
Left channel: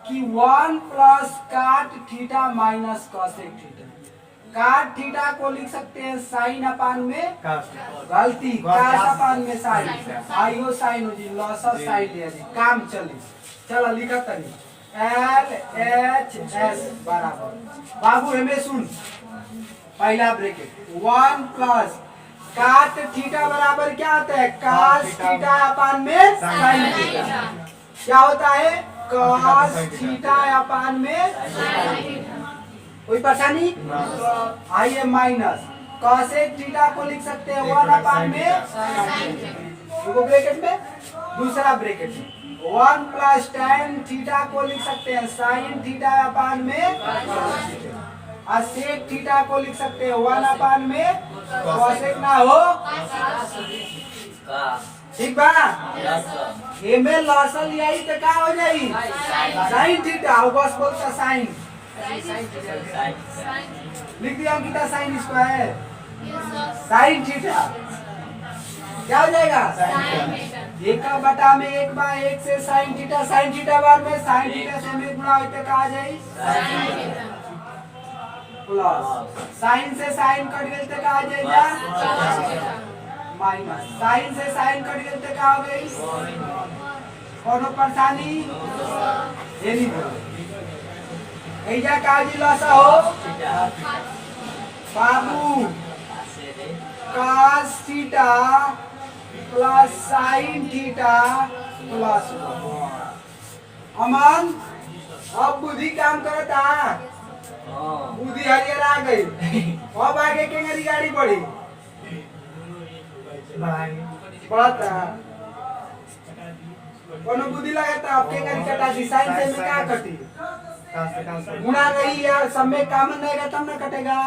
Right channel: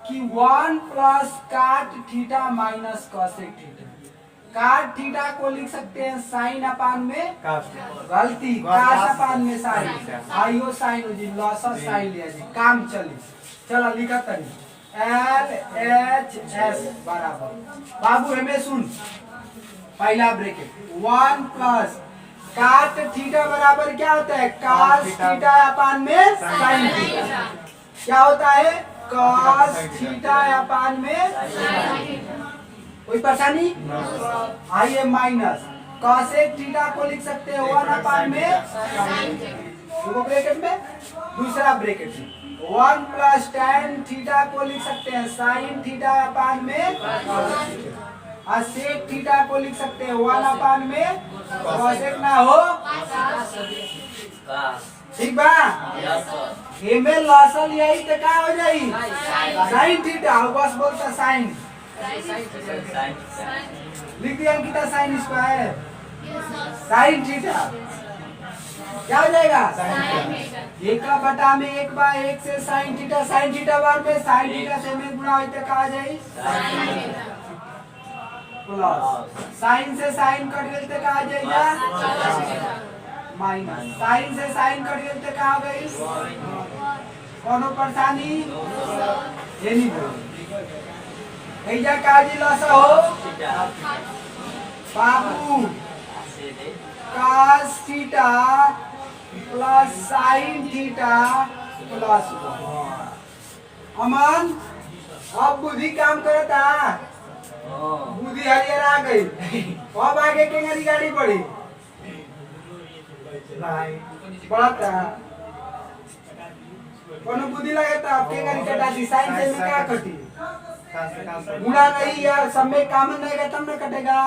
कि 1 प्लस काट थीटा माइनस कोसेक थीटा काट थीटा को लिख सकते हैं साइन अपान में गलती काट अपान में साइन आइयो साइन हो जी लॉस साइन लिया जी काम चली चलो लिखा तरी LHS बराबर बाबू हमें सुन पहला ब्रैकेट 1 प्लस काट थीटा बराबर क्या होता है cos थीटा अपान में sin थीटा क्या होता है cos थीटा अपान में कोई परेशानी आइए माइनस cosec थीटा को लिख सकते हैं 1 अपान में देखो ब्रैकेट में दूसरा ब्रैकेट में 1 प्लस tan थीटा को लिख सकते हैं sin थीटा अपान में और sec थीटा को लिख सकते हैं 1 अपान में cosec ना हो ठीक बा एमे लॉसल यही तो का हो जाई sin थीटा और बस बोलता sin लिख दिया Ankita sin square sin theta क्या हो जाएगा एक का बटा में 1 बाय 1 से sin थीटा बार में sin थीटा से में गुणा होते का आ जाई प्लस साइन से साइन कट गई तो कहा जाएगा माइनस साइन से साइन कट गई तो कहा गई कोनो परेशानी ये नहीं ऐजा काजी लसा हो बाबू cos theta plus sine theta plus Aman अब बुद्धि काम करता बुद्धि हरियर आ गई अब आगे के गाड़ी बढ़ी बढ़ता कोनो बुद्धि लगता आपके गाड़ी कटा दी साइन से में क्या कटी मुड़ा रही यार सब में काम नहीं तब ना कटेगा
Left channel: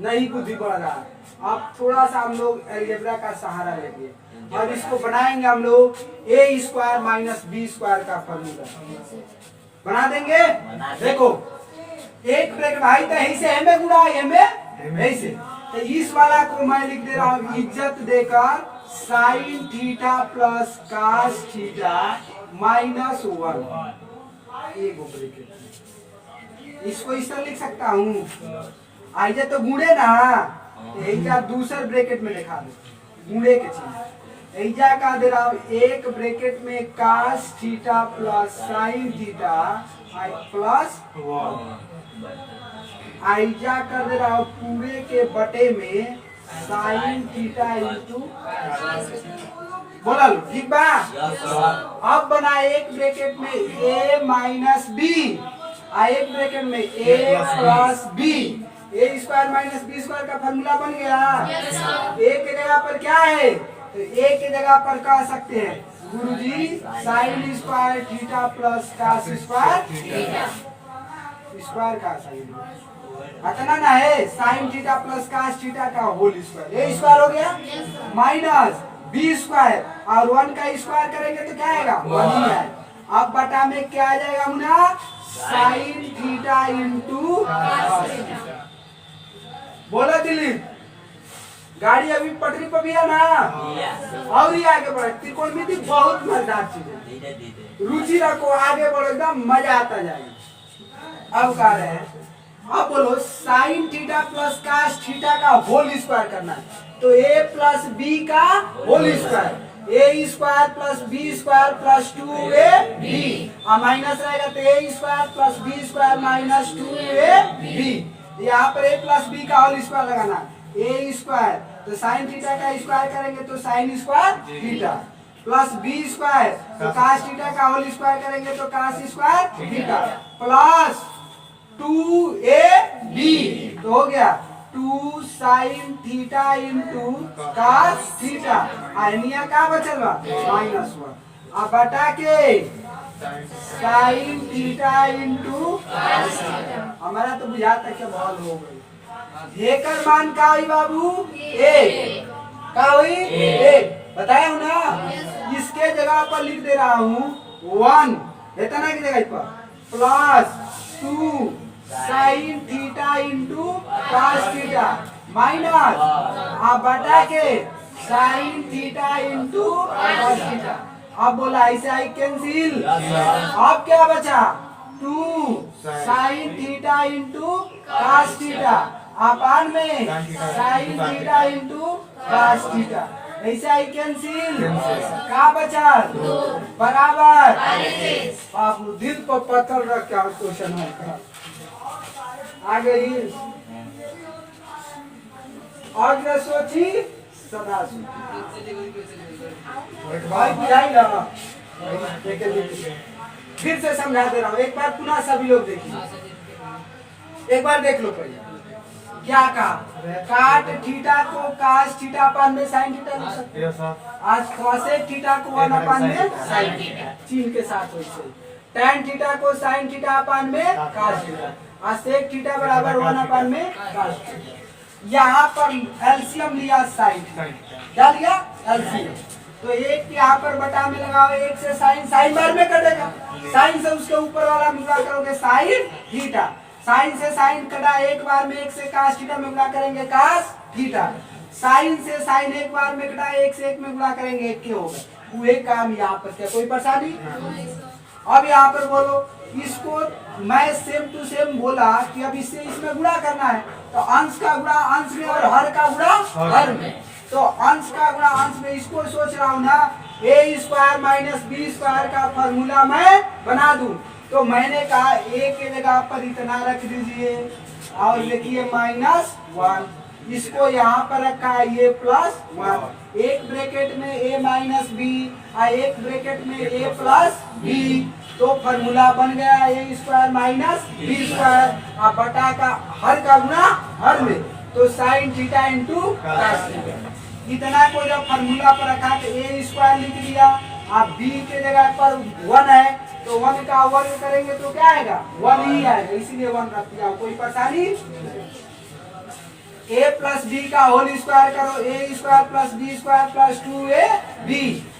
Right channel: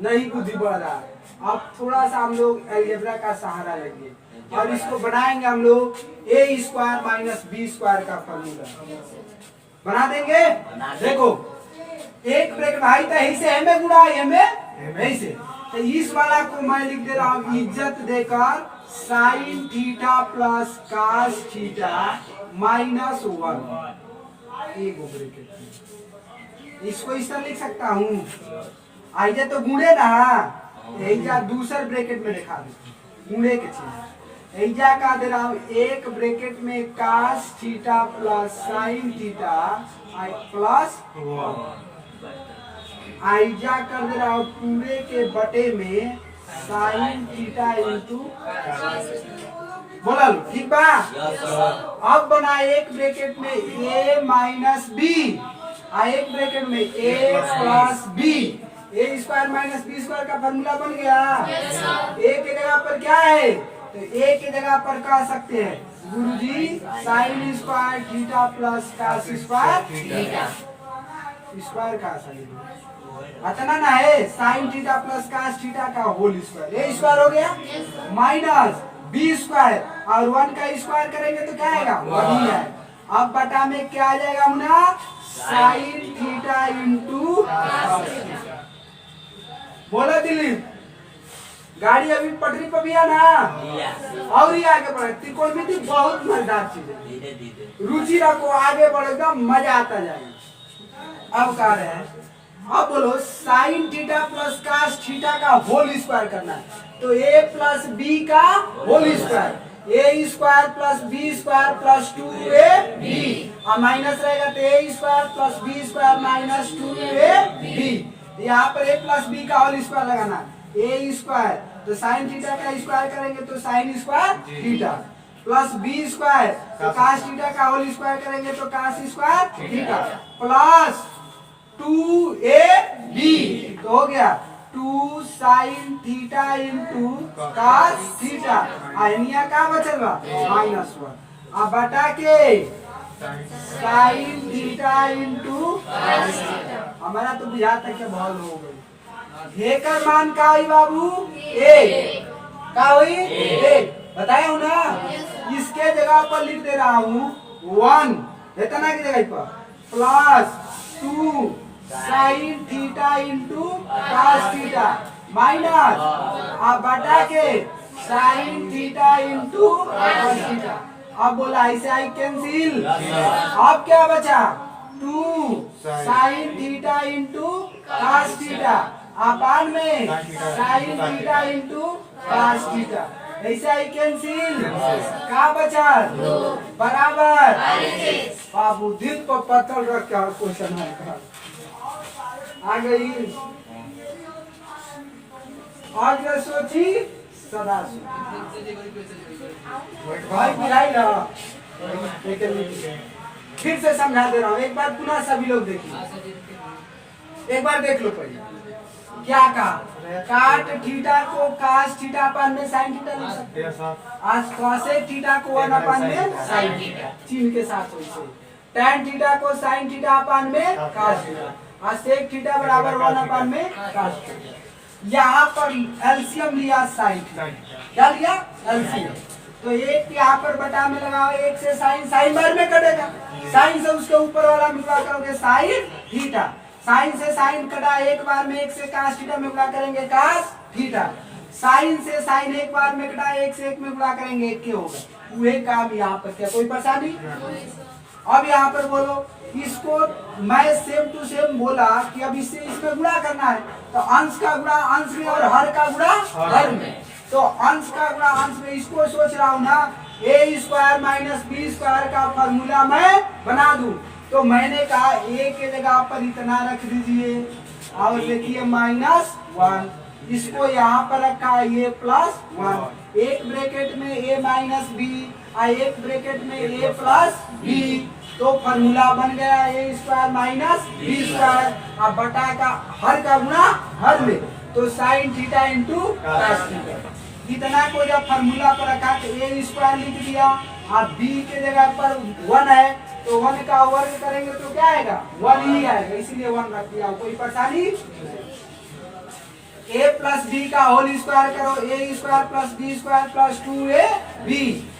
नहीं बुद्धि बढ़ रहा अब थोड़ा सा हम लोग अलजेब्रा का सहारा लेंगे और इसको बनाएंगे हम लोग a square minus b square का फॉर्मूला बना देंगे देखो एक ब्रेक भाई तो ऐसे हमें गुणा हमें ऐसे तो इस वाला को मैं लिख दे रहा हूँ इज्जत देकर sign theta plus cos theta minus 1 एक ब्रेकेट इसको इस तरह लिख सकता हूँ आइजा तो गुणे ना ऐजा दूसर ब्रेकेट में दिखा दो गुणे के चीज ऐजा का दे रहा हूँ एक ब्रेकेट में cos theta plus sine theta plus 1 आइजा कर दे रहा हूँ पूरे के बटे में साइन थीटा इंटू बोला लो ठीक बा अब बना एक ब्रैकेट में a माइनस बी एक ब्रैकेट में a plus B A square minus B square का फॉर्मूला बन गया। ए के जगह पर क्या है, तो ए के जगह पर कह सकते हैं गुरुजी sine square theta plus cos square square का साइन इतना ना है, sine theta plus cos theta का होल स्क्वायर, ए स्क्वायर हो गया माइनस बी स्क्वायर और 1 का स्क्वायर करेंगे तो क्या आएगा 1 ही आएगा। अब बटा में क्या आ जाएगा मुना, साइन थीटा इंटू बोलो दिलीप, गाड़ी अभी पटरी पर भी है ना, और ही आगे बढ़े। त्रिकोणमिति बहुत मजेदार चीज है, रुचि रखो आगे बढ़ो एकदम मजा आता जाएगा। अब कह रहे हैं, अब बोलो sine theta plus cos theta का होल स्क्वायर करना है, तो ए प्लस बी का whole square, a square plus B square plus 2ab और माइनस रहेगा तो a square plus B square minus 2ab। यहाँ पर ए प्लस बी का होल स्क्वायर लगाना है, ए स्क्वायर तो साइन थीटा का स्क्वायर करेंगे तो sine square theta plus B square तो कास थीटा का होल स्क्वायर करेंगे तो cos square theta plus 2ab तो हो गया 2 sine theta into cos theta आनिया का बचल बा -1 अब बटा के साइन थीटा इंटू हमारा तो बुझाता क्या भाल हो गई। हेकर मान का हुई बाबू एक का हुई एक बताया हूं ना, इसके जगह पर लिख दे रहा हूँ 1 इतना की जगह पर plus 2 sine theta into cos theta minus अब बटा के sine theta into cos theta. अब बोला ऐसे आई कैंसिल, अब क्या बचा 2 sine theta into cos theta अपान में sine theta into cos theta, ऐसे आई कैंसिल का बचा बराबर बाबू दिल पर पत्थर रख के क्वेश्चन है आ गई। अग्र सोची सदा सोची भाई बुझाई ना, फिर से समझा दे रहा हूँ एक बार पुनः सभी लोग देखिए, एक बार देख लो पहले क्या कहा, काट थीटा को कास थीटा अपान में साइन थीटा लिख सकते हैं, आज कॉसेक थीटा को 1 अपान में साइन थीटा चिन्ह के साथ वैसे, टैन थीटा को साइन थीटा अपान में कास थीटा और सेक थीटा बराबर 1 अपान में कास थीटा। यहाँ पर एलसीएम लिया साइन क्या लिया एलसीएम, तो एक यहाँ पर बटा में लगाओ, एक से साइन साइन बार में कटेगा, साइन से उसके ऊपर वाला मिला करोगे साइन थीटा, साइन से साइन कटा एक बार में, एक से कास थीटा में गुणा करेंगे कास थीटा, साइन से साइन एक बार में कटा एक से एक में गुणा करेंगे एक के होगा, वही काम यहाँ पर क्या कोई परेशानी। अब यहाँ पर बोलो इसको मैं सेम टू सेम बोला कि अब इससे इसमें गुणा करना है, तो अंश का गुणा अंश में और हर का गुणा हर में, तो अंश का गुणा अंश में, इसको सोच रहा हूँ ना ए स्क्वायर माइनस बी स्क्वायर का फॉर्मूला मैं बना दूं, तो मैंने कहा ए के जगह पर इतना रख दीजिए और लिखिए -1, इसको यहाँ पर रखा है ये +1, एक ब्रैकेट में a माइनस बी और एक ब्रैकेट में a प्लस बी, तो फॉर्मूला बन गया a square minus B square और बटा का हर का गुणा हर में, तो sine theta into cos theta. इतना को जब फॉर्मूला पर रखा तो a स्क्वायर लिख दिया और b के जगह पर 1 है तो 1 का वर्ग करेंगे तो क्या आएगा 1 ही आएगा, इसीलिए 1 रख दिया। कोई परेशानी, a प्लस बी का होल स्क्वायर करो, a square plus B square plus 2ab,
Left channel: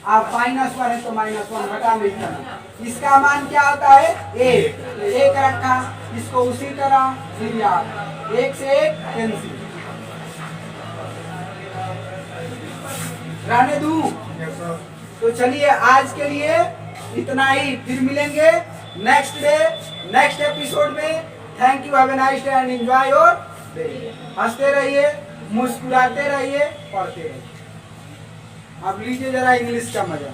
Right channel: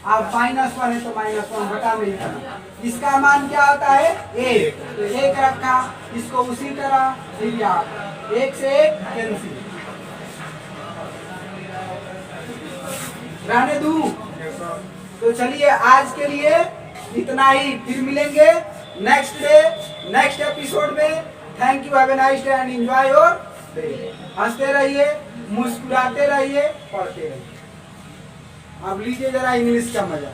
अब -1 है तो -1 बटा में करना, इसका मान क्या होता है 1, तो 1 रखा, इसको उसी तरह फिर यार 1 से 1 कैंसिल रहने दूं। तो चलिए आज के लिए इतना ही, फिर मिलेंगे नेक्स्ट डे नेक्स्ट एपिसोड में। Thank you, have a nice day and enjoy your day. हंसते रहिए, मुस्कुराते रहिए, पढ़ते रहिए। अब लीजिए जरा इंग्लिश का मजा।